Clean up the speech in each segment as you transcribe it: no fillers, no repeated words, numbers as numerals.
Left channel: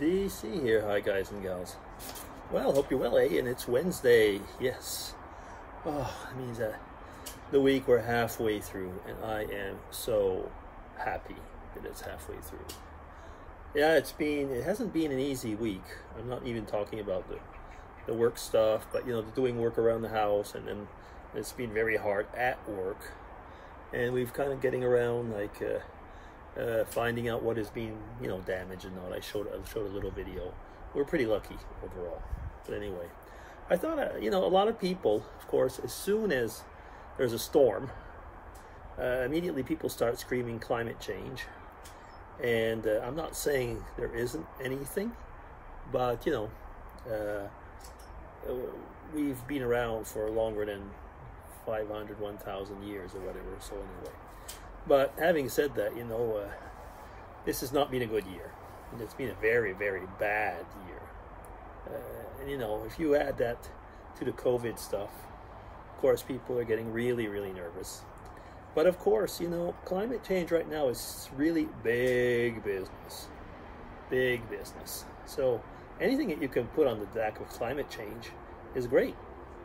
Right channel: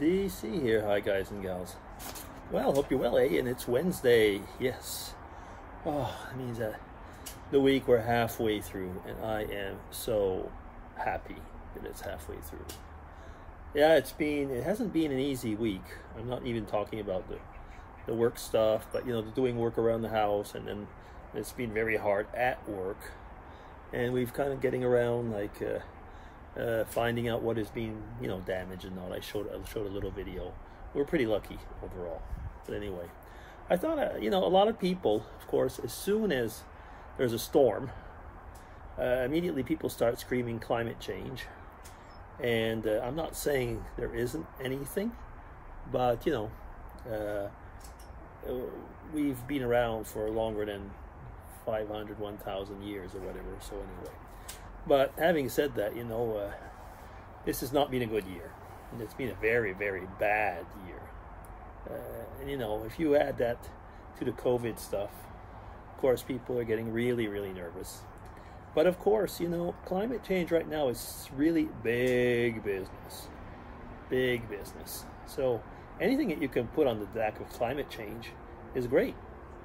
DC here. Hi guys and gals. Well, hope you're well, eh? And it's Wednesday. Yes. Oh, it means that the week we're halfway through, and I am so happy that it's halfway through. Yeah, it hasn't been an easy week. I'm not even talking about the work stuff, but doing work around the house, and then it's been very hard at work. And we've kind of getting around finding out what has been, damaged and all. I showed a little video. We're pretty lucky overall. But anyway, I thought, a lot of people, of course, as soon as there's a storm, immediately people start screaming climate change. And I'm not saying there isn't anything, but, we've been around for longer than 500, 1,000 years or whatever. So anyway. But having said that, this has not been a good year. And it's been a very, very bad year. And, if you add that to the COVID stuff, of course, people are getting really, really nervous. But of course, climate change right now is really big business. Big business. So anything that you can put on the back of climate change is great.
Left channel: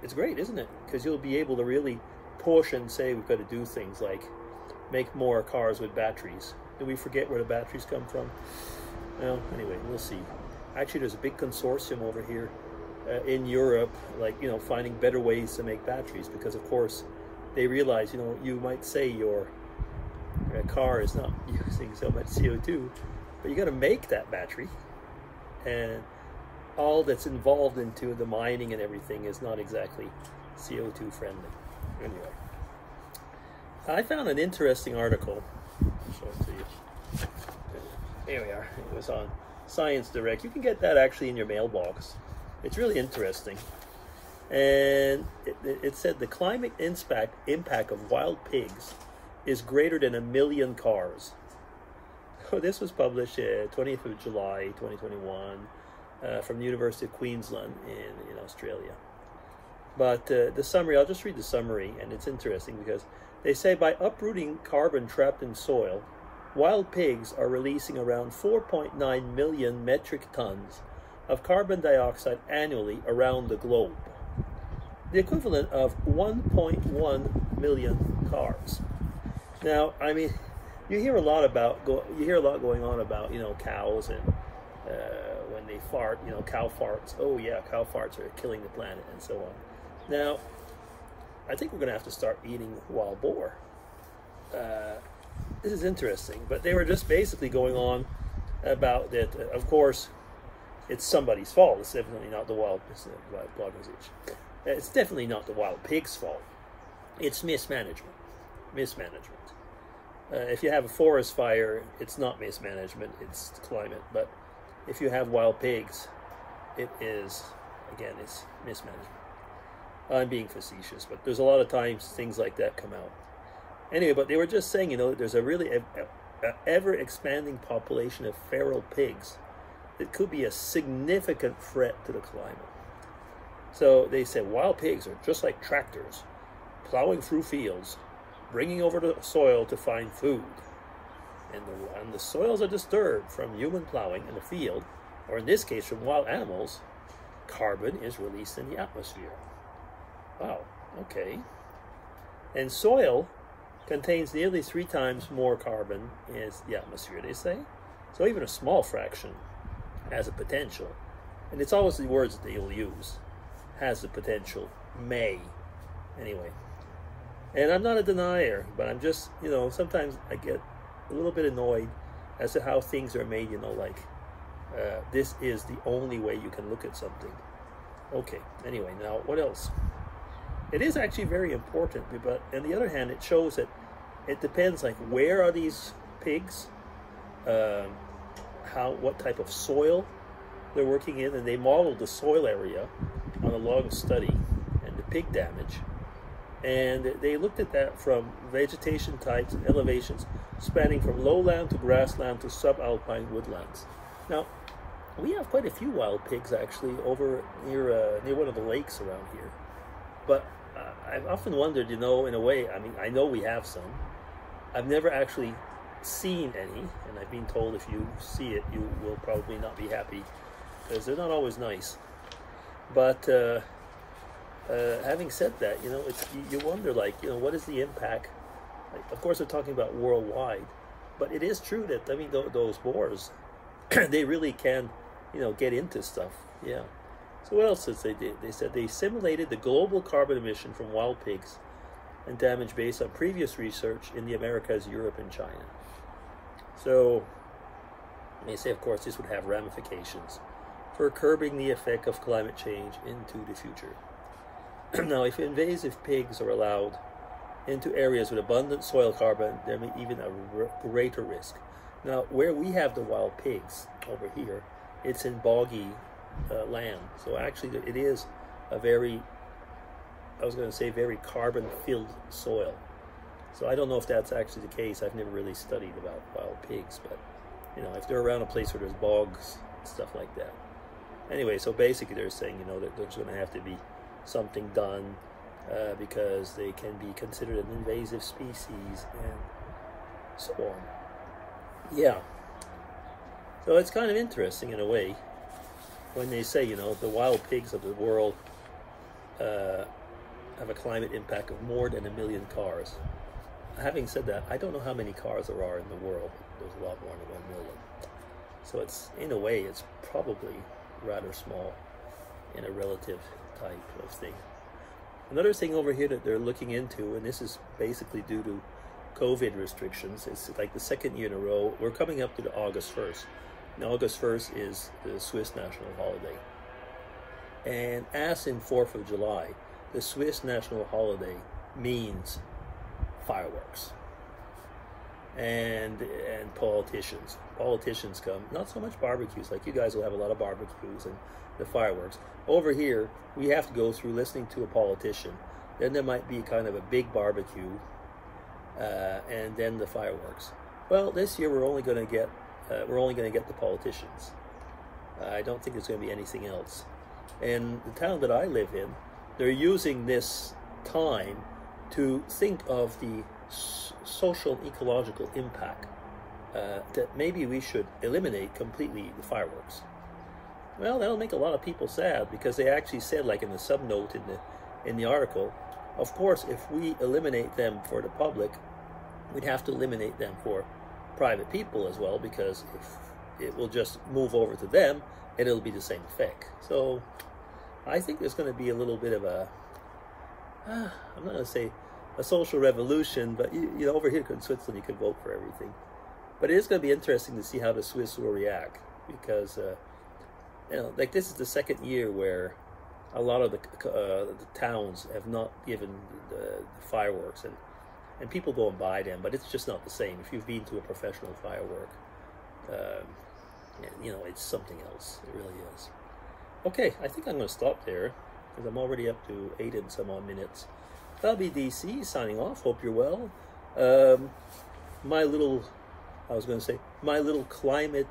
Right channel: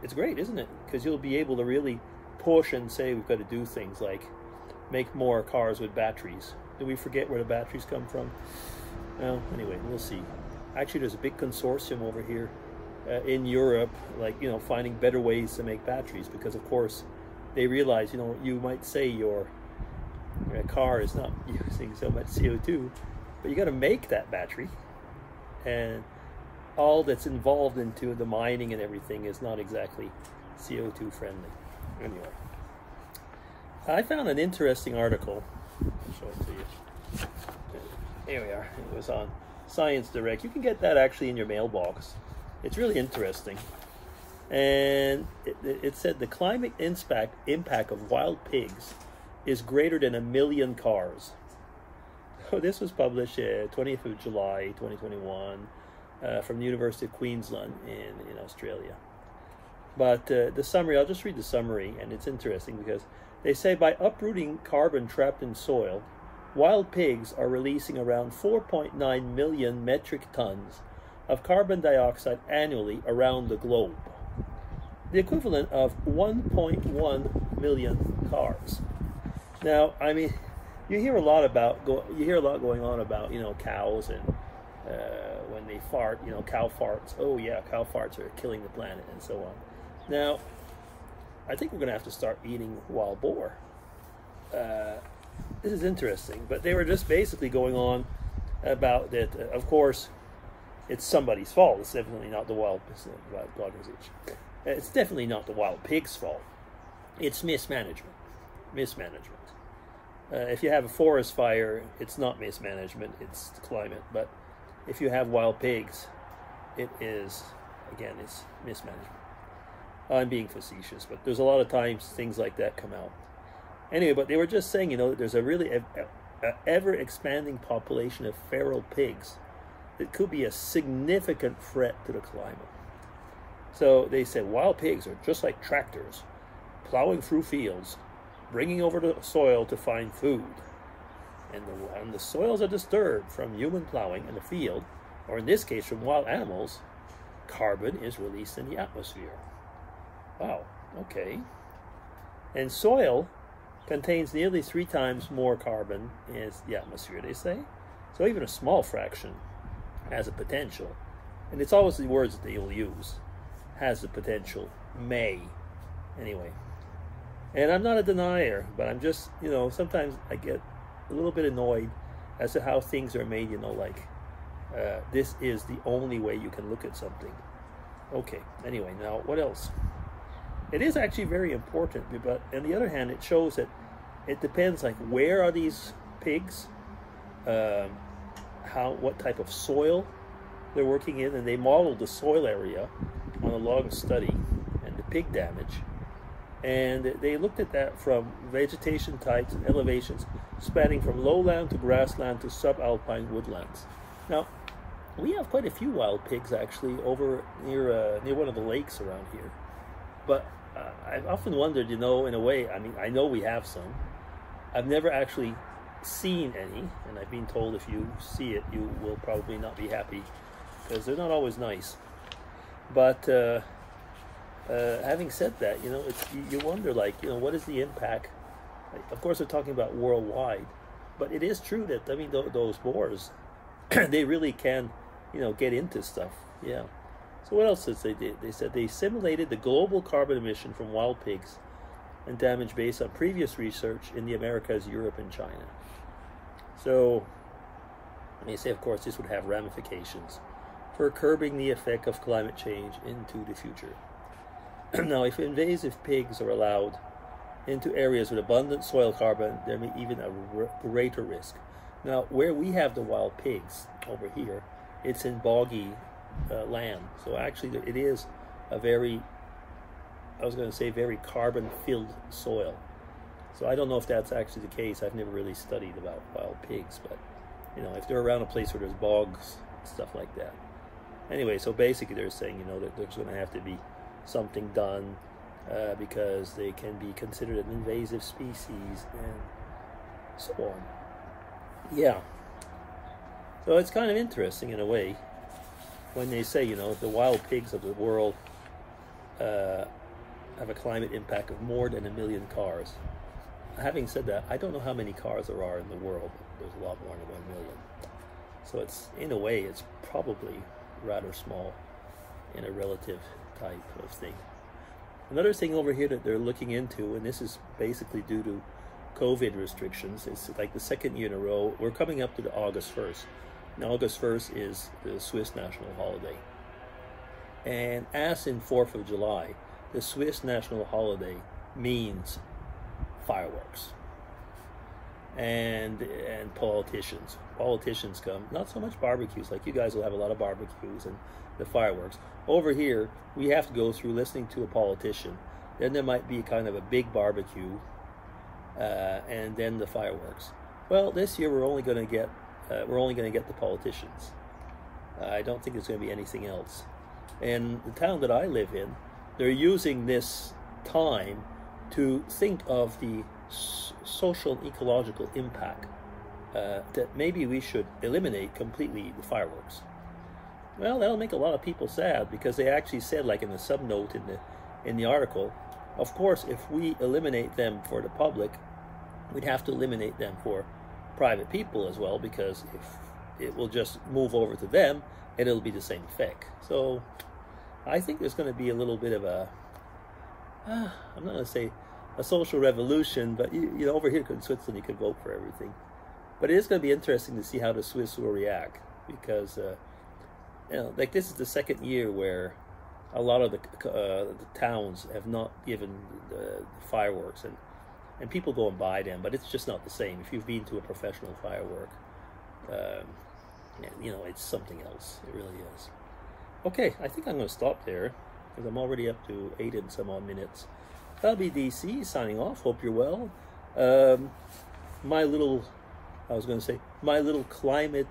It's great, isn't it? Because you'll be able to really push and say we've got to do things like make more cars with batteries. Did we forget where the batteries come from? Well, anyway, we'll see. Actually, there's a big consortium over here in Europe, finding better ways to make batteries, because of course they realize, you might say your car is not using so much CO2, but you got to make that battery, and all that's involved into the mining and everything is not exactly CO2 friendly. Anyway, I found an interesting article. I'll show it to you. Here we are. It was on Science Direct. You can get that actually in your mailbox. It's really interesting. And it said the climate impact of wild pigs is greater than 1 million cars. Oh, this was published 20th of July, 2021, from the University of Queensland in Australia. But the summary, I'll just read the summary, and it's interesting because they say by uprooting carbon trapped in soil, wild pigs are releasing around 4.9 million metric tons of carbon dioxide annually around the globe, the equivalent of 1.1 million cars. Now, I mean, you hear a lot going on about cows and when they fart, cow farts. Oh yeah, cow farts are killing the planet and so on. Now, I think we're going to have to start eating wild boar. This is interesting, but they were just basically going on about that. Of course, it's somebody's fault. It's definitely not the wild organization. It's definitely not the wild pig's fault. It's mismanagement. Mismanagement. If you have a forest fire, it's not mismanagement, it's the climate. But if you have wild pigs, it is, again, it's mismanagement. I'm being facetious, but there's a lot of times things like that come out. Anyway, but they were just saying, there's a really ever-expanding population of feral pigs that could be a significant threat to the climate. So they said wild pigs are just like tractors, plowing through fields, bringing over the soil to find food. And when the soils are disturbed from human plowing in the field, or in this case from wild animals, carbon is released in the atmosphere. Wow, okay. And soil contains nearly 3 times more carbon as the atmosphere, they say. So even a small fraction has a potential. And it's always the words that they will use. Has the potential, may. Anyway. And I'm not a denier, but I'm just, sometimes I get a little bit annoyed as to how things are made, this is the only way you can look at something. Okay, anyway, now what else? It is actually very important, but on the other hand, it shows that it depends, where are these pigs, what type of soil they're working in, and they modeled the soil area on a long study and the pig damage. And they looked at that from vegetation types and elevations spanning from lowland to grassland to subalpine woodlands. Now, we have quite a few wild pigs actually over near one of the lakes around here. But I've often wondered, in a way, I mean, I know we have some. I've never actually seen any, and I've been told if you see it, you will probably not be happy because they're not always nice. But having said that, you know, you wonder, like, you know, what is the impact? Like, of course, we're talking about worldwide, but it is true that, I mean, those boars, they really can, you know, get into stuff. Yeah. So what else did they do? They said they simulated the global carbon emission from wild pigs and damage based on previous research in the Americas, Europe, and China. So they say, of course, this would have ramifications for curbing the effect of climate change into the future. Now, if invasive pigs are allowed into areas with abundant soil carbon, there may even a greater risk. Now, where we have the wild pigs over here, it's in boggy land. So actually, it is a very, I was going to say, very carbon-filled soil. So I don't know if that's actually the case. I've never really studied about wild pigs, but, you know, if they're around a place where there's bogs, stuff like that. Anyway, so basically they're saying, you know, that there's going to have to be something done because they can be considered an invasive species and so on. Yeah. So it's kind of interesting in a way when they say, you know, the wild pigs of the world have a climate impact of more than 1 million cars. Having said that, I don't know how many cars there are in the world, but there's a lot more than 1 million. So it's, in a way, it's probably rather small in a relative type of thing. Another thing over here that they're looking into, and this is basically due to COVID restrictions, it's like the second year in a row, we're coming up to the August 1st. And August 1st is the Swiss national holiday. And as in 4th of July, the Swiss national holiday means fireworks. And politicians. Politicians come, not so much barbecues, like you guys will have a lot of barbecues and the fireworks. Over here, we have to go through listening to a politician. Then there might be kind of a big barbecue, and then the fireworks. Well, this year we're only going to get the politicians. I don't think there's going to be anything else. And the town that I live in, they're using this time to think of the social and ecological impact that maybe we should eliminate completely the fireworks. Well, that'll make a lot of people sad because they actually said, like in the subnote in the article, of course, if we eliminate them for the public, we'd have to eliminate them for private people as well, because if it will just move over to them and it'll be the same effect. So I think there's going to be a little bit of a, I'm not going to say a social revolution, but you know, over here in Switzerland you can vote for everything. But it is going to be interesting to see how the Swiss will react, because you know, like this is the second year where a lot of the towns have not given the fireworks, and people go and buy them, but it's just not the same. If you've been to a professional firework, you know, it's something else. It really is. Okay, I think I'm going to stop there because I'm already up to 8 and some odd minutes. That'll be DC signing off. Hope you're well. My little climate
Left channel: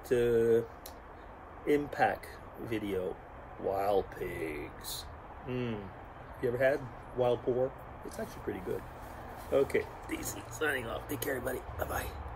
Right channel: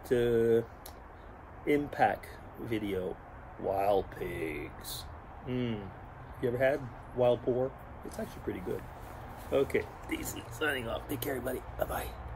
impact video. Wild pigs. You ever had wild boar? It's actually pretty good. Okay, DC signing off. Take care, everybody. Bye-bye.